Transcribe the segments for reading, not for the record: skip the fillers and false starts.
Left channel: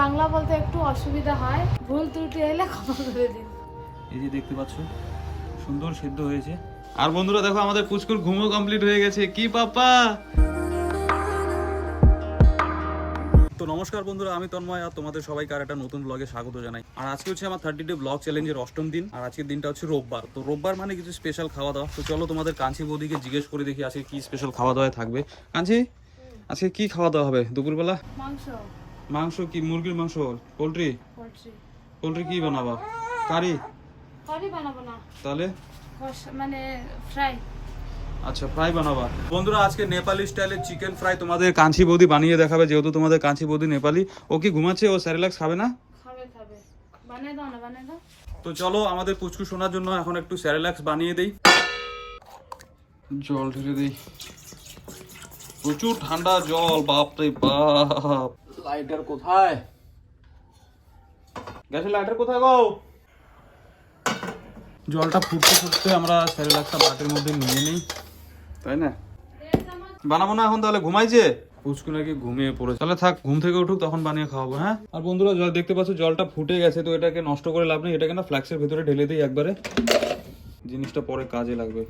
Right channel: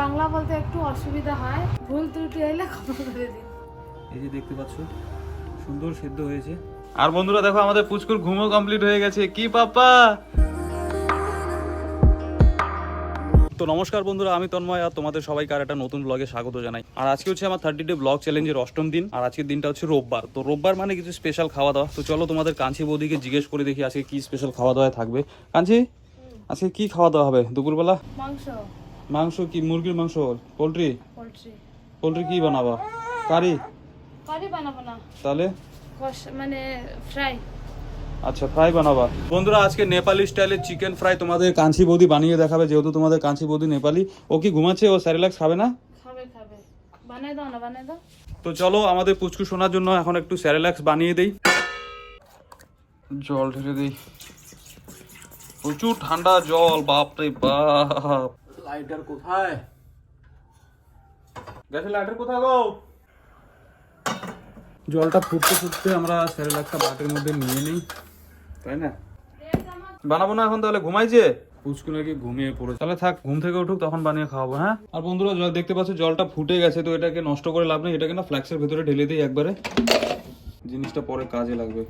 বাংলা বলতে একটু অসুবিধা হয়, ভুল ত্রুটি হলে ক্ষমা করে দিন। এই যে দেখতে পাচ্ছ সুন্দর সিদ্ধ হয়েছে। আর বন্ধুরা দেখো আমাদের পুচকুর ঘুমও কমপ্লিট হয়ে গেছে। কি পাপা? তো নমস্কার বন্ধুরা, আমি তন্ময় আর তোমাদের সবাইকে আর একটা নতুন ব্লগে স্বাগত জানাই। আর আজকে হচ্ছে আমার 30 ডে ব্লগ চ্যালেঞ্জের 8ম দিন। আর আজকের দিনটা হচ্ছে রোববার। তো রোববার মানে কিছু স্পেশাল খাওয়া দাওয়া। তো চলো তোমাদের কাঞ্চি বৌদিকে জিজ্ঞেস করে দেখি আজকে কি স্পেশাল খাওয়া দাওয়া থাকবে। কাঞ্চি, আজকে কি খাওয়া দাওয়া হবে দুপুরবেলা? মাংস। মাংস কি? মুরগির মাংস? পোল্ট্রি? পোল্ট্রি কি বানাবা? কারি? কারি বানাবো না, তাহলে মানে ফ্রাই। আচ্ছা, ফ্রাই বানাবা। বন্ধুরা আজকে নেপালি স্টাইলের চিকেন ফ্রাই তোমাদের কাঞ্চি বৌদি বানিয়ে দেখাবে, যেহেতু তোমাদের কাঞ্চি বৌদি নেপালি। ও কি ঘুমাচ্ছে? ও স্যারিলাক্স খাবে না? খাবে। বানাই দাও না, বানাই দাও। তো চলো আমাদের পুচকু শোনার জন্য এখন একটু স্যারিলাক্স বানিয়ে দেই। জল ঢেলে দেই, প্রচুর ঠান্ডা জল, বাপরে বাপ। লাইটার কোথায়? গ্যাসের লাইটার কোথায় গো? জলটা ফুটতে ফুটতে আমরা স্যারিলাক্সটা বাটির মধ্যে নিয়ে নিই, তাই না? বানাবো না এখন, তাহলে ঘুমাইছে পুচকু নাকি ঘুমিয়ে পড়ে। তাহলে থাক, ঘুম থেকে উঠুক তখন বানিয়ে খাওয়াবো। হ্যাঁ। আর বন্ধুরা জল দেখতে পাচ্ছ, জলটা ফুটে গেছে। তো এটাকে নষ্ট করে লাভ নেই, এটাকে না ফ্ল্যাক্সের ভেতরে ঢেলে দিই একবারে, জিনিসটা পরে কাজে লাগবে।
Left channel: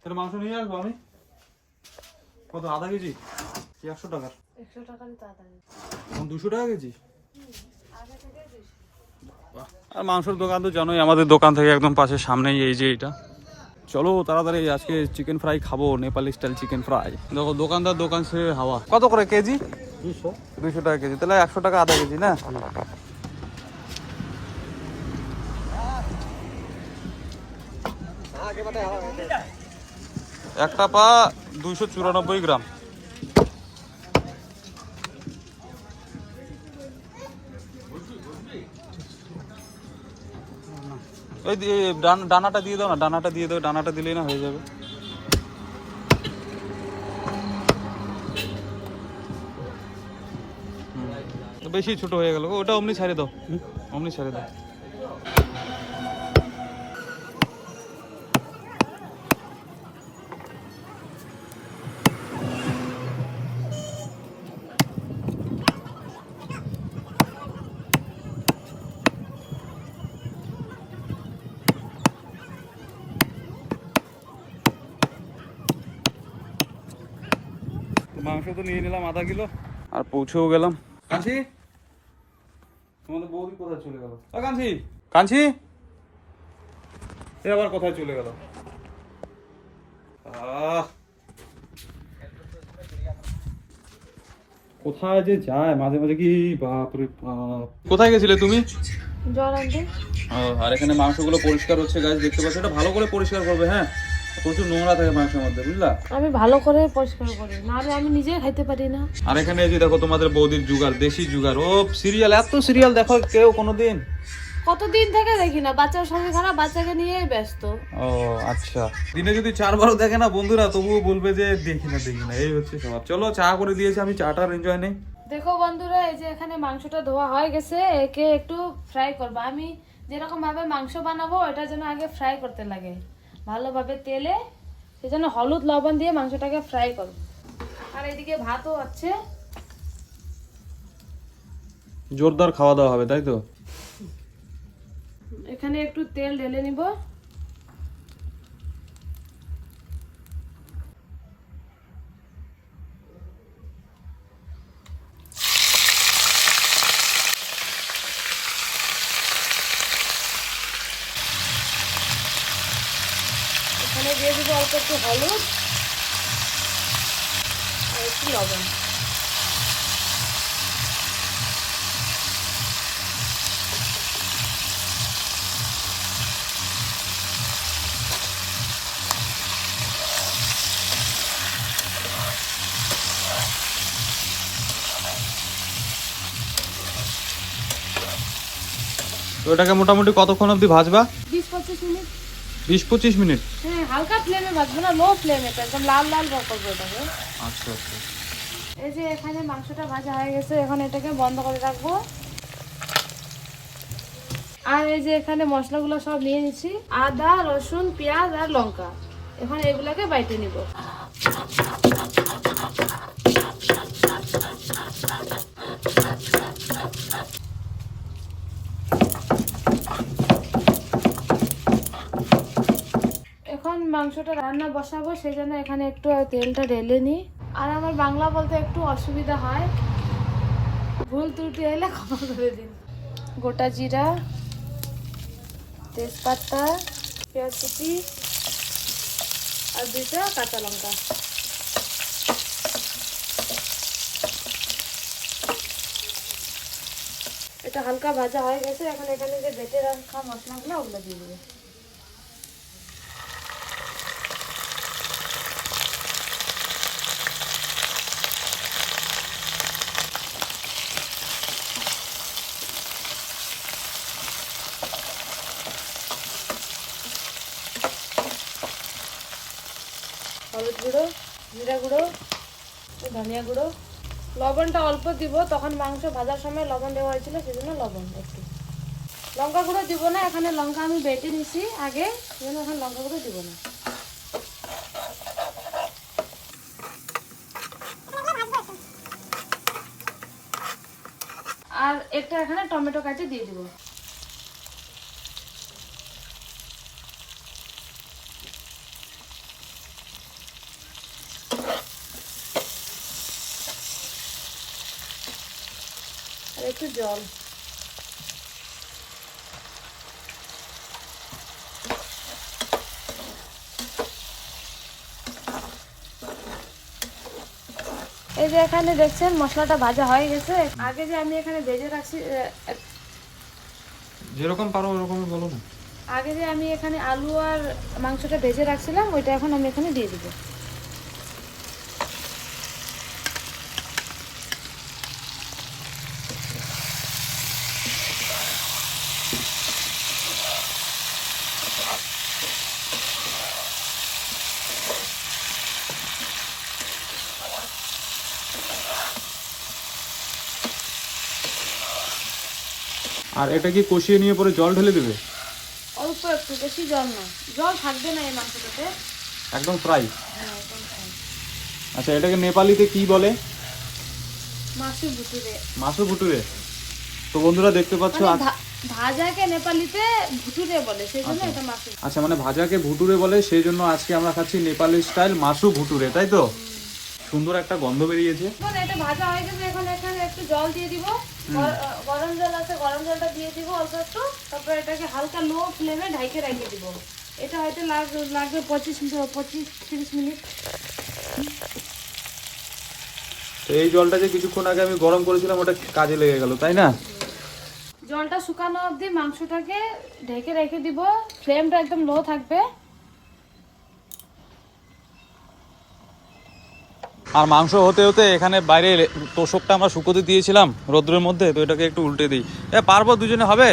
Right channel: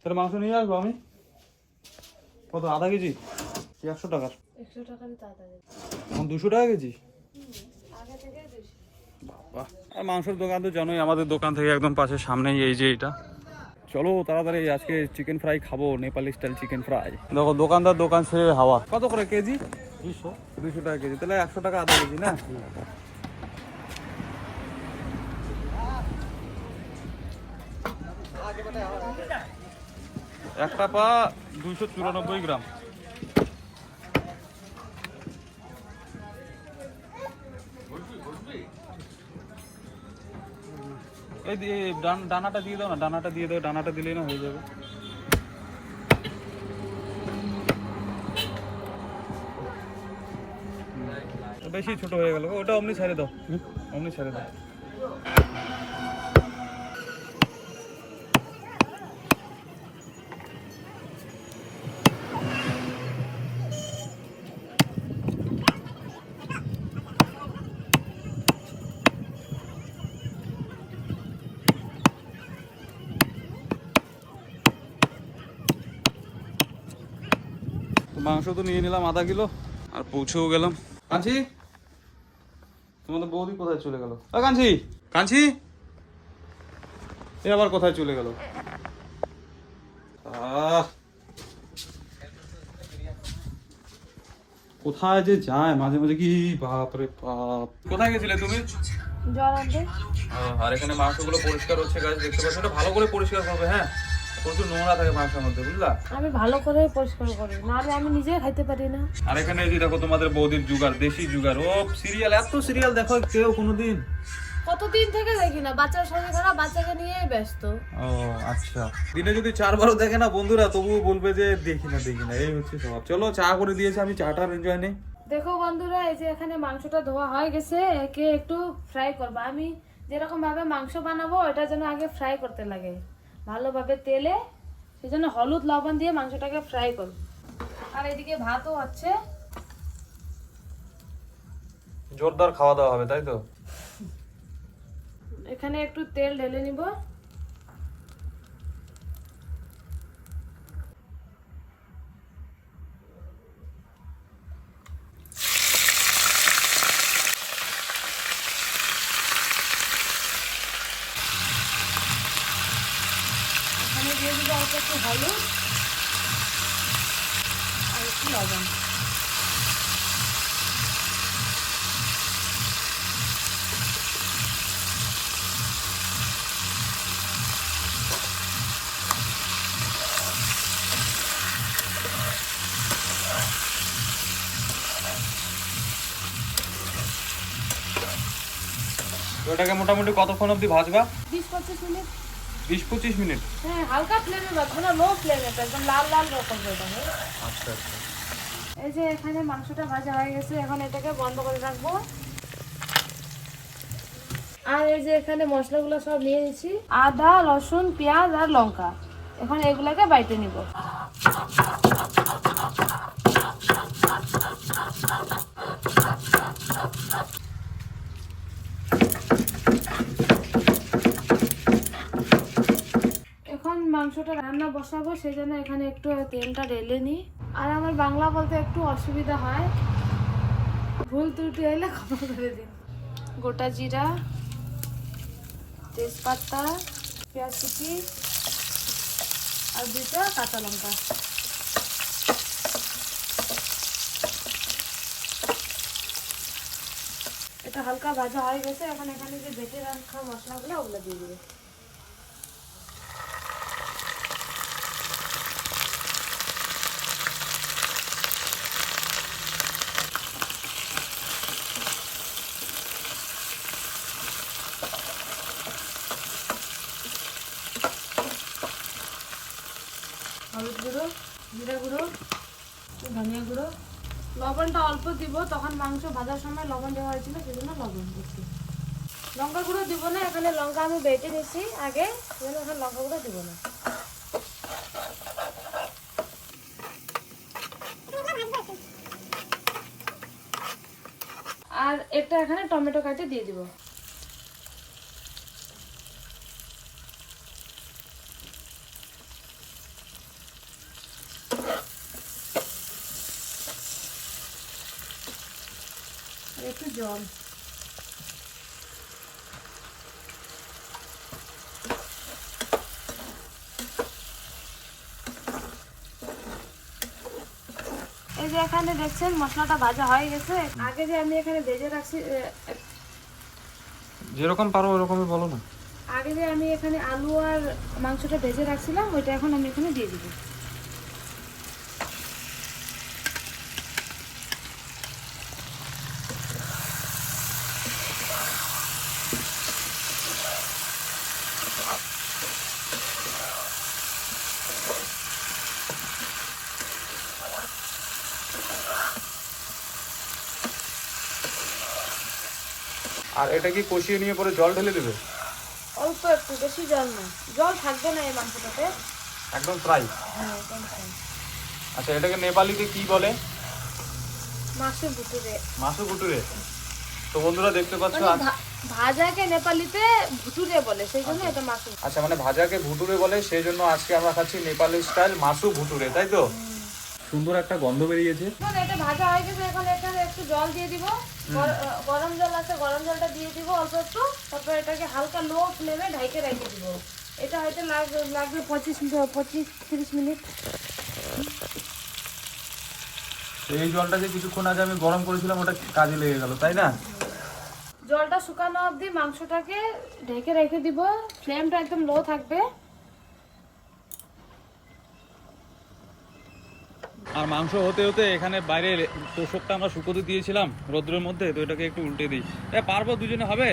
তাহলে মাংস নিয়ে আসবো আমি। কত? আধা কেজি? 100 টাকার? 100 টাকারই তো আধা কেজি। এখন 200 টাকা কেজি? আর মাংসের দোকান তো জানোই, আমাদের দোকান থেকে একদম পাশের সামনেই এই যে এটা। চলো তাড়াতাড়ি আজকে চিকেন ফ্রাই খাবো, নেপালি স্টাইল চিকেন ফ্রাই। দেখো দোকানদার দোকান ছেড়ে হাওয়া। কত করে কেজি? 200 টাকা কেজি। তাহলে 100 টাকা আধা কেজি না? একটা পা 294 গ্রাম। ওই ডানাটা দিয়ে দাও না, ডানাটা দিয়ে দাও, ডানাটা দিলেই না হয়ে যাবে। বেশি ছোট হয়ে গেল, ওটা অমনি ছেড়ে দাও, অমনি ছেড়ে দাও। মাংস তো নিয়ে নিলাম আধা কিলো, আর পৌঁছেও গেলাম। কাঞ্চি, তোমাদের বৌদি কোথায় চলে গেল? কাঞ্চি, কাঞ্চি, এ আবার কোথায় চলে গেল? কোথায় যে যায় মাঝে মাঝে, কি বাপরে বাপ। কোথায় গেছিলে তুমি? জল আনতে। আর এখানে মাংসগুলো পরিষ্কার হচ্ছে গাছ, দেখতে পাচ্ছ। এটা ভালো করে পরিষ্কার করবে, হ্যাঁ? প্রচুর নোংরা থাকে মাংসের মধ্যে, বুঝলা? আমি ভালো করে পরিষ্কার করি, নাহলে আমি নিজে খাইতে পারি না। আর এখানে এই যে দেখো তোমাদের বৌদির জুগার, দেশি জুগার। ও সিরিয়াল, এত সিরিয়াল দেখো কেউ কোনোদিন? কতদিন থেকে দেখি না, বাচ্চার শরীর খারাপ, বাচ্চাকে নিয়েই ব্যস্ত। ও আচ্ছা, দিনে যদি 4 বারও দেখে না বন্ধুরা, তবুও বলবে যে দেখি না। এই হচ্ছে স্বভাব। চলো চা করে দিয়েছে, আমি চাটার এনজয় নেই। দেখো বন্ধুরা, এই যে এখানে মাংসটা ধোয়া হয়ে গেছে, একে একটু ফ্রাই করবো। আমি যেরকম ভাবে মাংস বানাবো, এটা যেন আগে ফ্রাই করতে লাগে ভালোভাবে তেলে, সেজন্য হলুদ লবণ দিয়ে মাংসটাকে ফ্রাই করবো। আর এদিকে ভাতও আছে। জোরদার খাওয়া দাওয়া হবে, তাই তো? এখানে একটু তেল ঢেলে নিব। এখানে দিয়ে দিব অল্প একটু হলুদ আর একটু লবণ। তো এটাকে মোটামুটি কতক্ষণ অবধি ভাজবা? 20-25 মিনিট। 20-25 মিনিট? হ্যাঁ, হালকা ফ্লেমে ভাজবো না, লো ফ্লেমে, একদম লাল লাল করবো এটাকে। আচ্ছা আচ্ছা। এই যে এখানে মাংসটা ভাজা হয়ে গেছে, এখন এটাকে বন্ধ করে রাখবো। আর এই যে এখানে মশলাগুলো সব নিয়ে নিচ্ছি, আদা, রসুন, পেঁয়াজ আর লঙ্কা। এখন এগুলাকে বাইটে নিব। এখন মাংসটা রান্না বসাবো, সেই জন্য এখানে একটু তেলটা ঢেলে নিই। আর আমার বাংলা বলতে একটু অসুবিধা হয়, ভুল ত্রুটি হলে ক্ষমা করে দিন। গোটা জিরা, তেজপাতা, পেঁয়াজ কুচি আর 2টা কাঁচা লঙ্কা। এটা হালকা ভাজা হয়ে গেছে, এখন এখানে যে বেটে রাখা মশলাগুলো ওগুলো দিয়ে দেবো। হলুদ গুঁড়ো, জিরা গুঁড়ো, ধনিয়া গুঁড়ো, লবণটা অল্প দিব, তখন মাংস ভাজার সময় লবণ দেওয়া হয়েছিল, সেজন্য লবণ একটু। লঙ্কা গুঁড়ো দিব না, এখানে লঙ্কা আমি বেটে নিছি আগে, সেজন্য এখন লঙ্কা গুঁড়ো দিব না। আর এটা এখানে টমেটো কাটে দিয়ে দিব। আর একটু জল। এই যে এখানে দেখছেন মশলাটা ভাজা হয়ে গেছে। আগে যে আমি এখানে ভেজে রাখছি, যেরকম পারো ওরকমই বলো না। আগে যে আমি এখানে আলু আর মাংসটা ভেজে রাখছিলাম, ওইটা এখন আমি এখানে দিয়ে দিব। আর এটা কি কষিয়ে নিয়ে পরে জল ঢেলে দেবে? অল্প একটু, বেশি জল না, জল থাকবে না এই মাংসটাতে, একদম ফ্রাই? হ্যাঁ একদম fry। আচ্ছা, এটাকে নেপালিতে কি বলে? মাসু ভুটুরে। মাসু ভুটুরে? তো বন্ধুরা দেখতে পাচ্ছ, মানে ভাজাকে নেপালিতে ভুটুরে বলে, সেই জন্য এটা মাসু। আচ্ছা মানে ভাজাকে ভুটুরে বলে, সেই জন্য আজকে আমরা খাচ্ছি নেপালি স্টাইল মাসু ভুটুরে, তাই তো? সুন্দর একটা গন্ধ বেরিয়েছে। এখন এটা ভাজা হয়ে গেছে, এখন এখানে একটু জল দিয়ে দিব, গরম জল আছে, গরম জলটা দিয়ে দিব অল্প একটু, তারপর এটাকে হালকা লো ফ্লেমে ঢাইকে রেখে দিব। এটা হয়তো লাগবে 25-30 মিনিট। তো এই জলটা যে কিছুক্ষণ আগে আমি গরম করেছিলাম, ওটা কাজে লেগে গেল, তাই না? জলটা শুকানো অবধি মাংসটাকে ঢেকে রেখে দিব, ফ্লেমটা একদম লো থাকবে। আর মাংস হতে হতে এখানে বাইরে তোষকটা আমরা শুকোতে দিয়েছিলাম রোদ্রের মধ্যে, তো এটাকে একটু উল্টে দিই। পারবো? দুজনে হবে?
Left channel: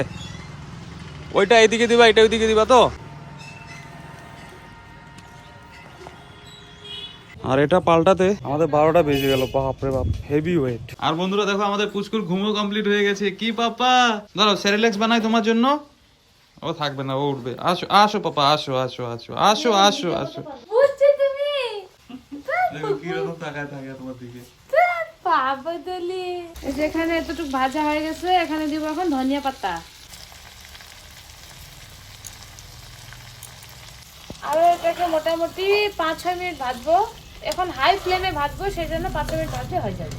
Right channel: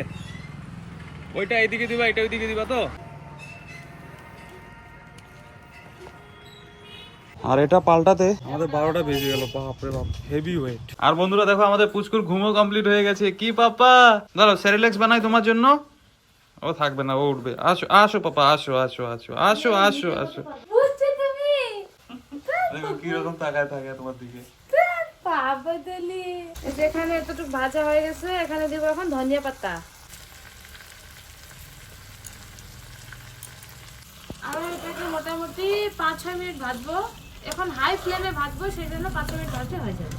ওইটা এইদিকে দিবা, এটা ওইদিকে দিবা তো? আর এটা পাল্টাতে আমাদের 12টা বেজে গেল, বাপরে বাপ, হেভি ওয়েট। আর বন্ধুরা দেখো, আমাদের পুচকুর ঘুমও কমপ্লিট হয়ে গেছে। কি পাপা, দাঁড়াও সেরিল্যাক্স বানাই তোমার জন্য। ও থাকবে না, ও উঠবে। আসো আসো পাপা, আসো আসো আসো আসো আসো আসো। বুঝছো তুমি? দেখো কিরকম তাকায় থাকে তোমার দিকে। পাবদলি। যেখানে এতটুকু ভাজা হয়ে গেছে, এখানে দিব এখন ধনিয়া পাতা। আর এটাকে মোটামুটি 5-6 মিনিট ভাজবো। এখন হাই ফ্লেমে ভাজবো, সেই জন্য 5 মিনিট ভাজতে হয়ে যাবে।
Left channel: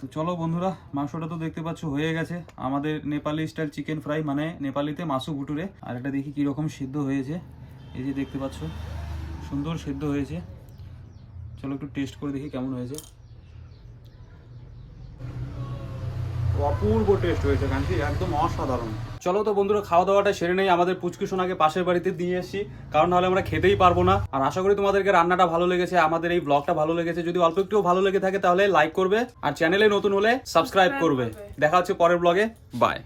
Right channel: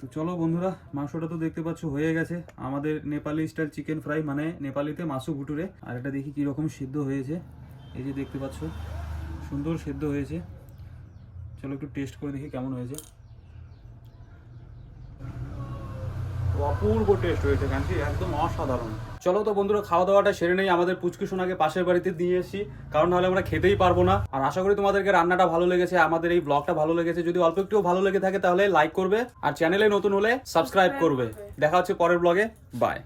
তো চলো বন্ধুরা, মাংসটা তো দেখতে পাচ্ছ হয়ে গেছে। আমাদের নেপালি স্টাইল চিকেন ফ্রাই, মানে নেপালিতে মাসু ভুটুরে। আর এটা দেখি কীরকম সিদ্ধ হয়েছে। এই যে দেখতে পাচ্ছ, সুন্দর সিদ্ধ হয়েছে। চলো একটু টেস্ট করে দেখি কেমন হয়েছে। ও অপূর্ব টেস্ট হয়েছে কান্তি, একদম অসাধারণ। চলো তো বন্ধুরা, খাওয়া দাওয়াটা সেরে নেই। আমাদের পুচকু সোনাকে পাশের বাড়িতে দিয়ে এসেছি, কারণ নাহলে আমরা খেতেই পারবো না। আর আশা করি তোমাদেরকে রান্নাটা ভালো লেগেছে, আমাদের এই ব্লগটা ভালো লেগেছে। যদি অল্প একটু ভালো লেগে থাকে তাহলে লাইক করবে, আর চ্যানেলে নতুন হলে সাবস্ক্রাইব করবে। দেখা হচ্ছে পরের ব্লগে, বাই।